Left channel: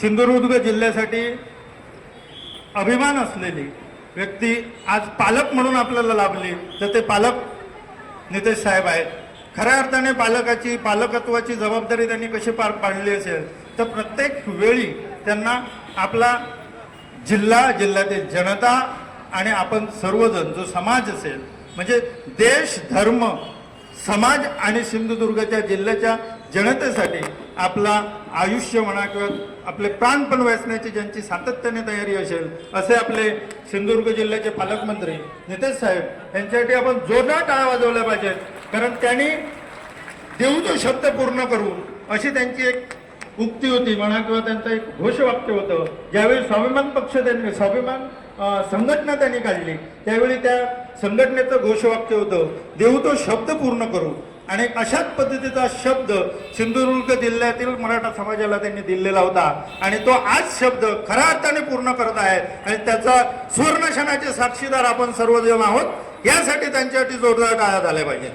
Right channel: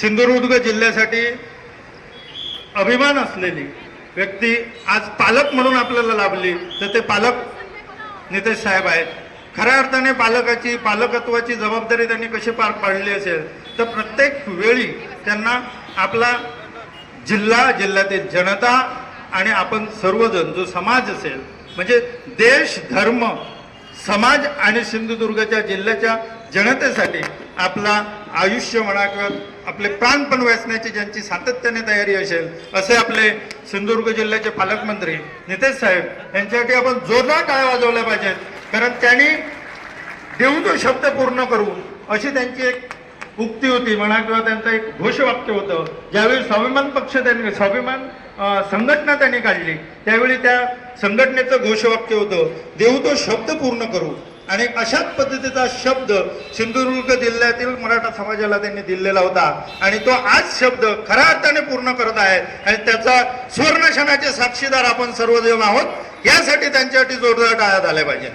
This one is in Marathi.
सिंधुदुर्ग जिल्ह्यासाठी अभिमान असलेली व्यक्ती आज पालक म्हणून आपल्याला लाभली, तर ते पालक नितेश साहेब आहेत. खऱ्या अर्थाने पालकत्वाची जबाबदारी त्यांनी कशी पार पाडली असेल, तर प्रत्येक वेळी त्यांना आपला जिल्ह्यातील जनता आणि आपण सर्वजण जो समाज असेल, म्हणजे देश, धर्म, समाज आणि सिंधुदुर्गच्या जिल्ह्याच्या जनतेसाठी आपला आयुष्य म्हणा किंवा आपले प्राणपण वेचण्याची ज्यांची सातत्याने तयारी असेल, असे आपले सिंधुदुर्ग जिल्ह्याचे पालकमंत्री नितेश साहेब यांच्यासाठी आपण जोरदार टाळ्या वाजवल्या पाहिजेत. कारण त्यांनी देऊ तो शब्द पूर्ण करू अशी त्यांची एक उक्ती होती म्हणा किंवा त्यांचं एक घोषवाक्य होतं. ज्यावेळी स्वाभिमान संघटना त्यांनी काढली, त्यावेळी त्या संघटनेचं घोषवाक्य होतं, देऊ तो शब्द पूर्ण करू. आणि अशाच पद्धतीचा शब्द सिंधुदुर्ग जिल्ह्यातील मराठा समाजाला त्यांनी दिलेला होता आणि तो आज शब्द खऱ्या अर्थाने पूर्ण करत आहे. आणि त्याचा सुवर्णक्षणाचे साक्षीदार आपण सर्वजण आहोत. यासाठी त्यांच्यासाठी जोरदार टाळ्या झाल्या पाहिजे.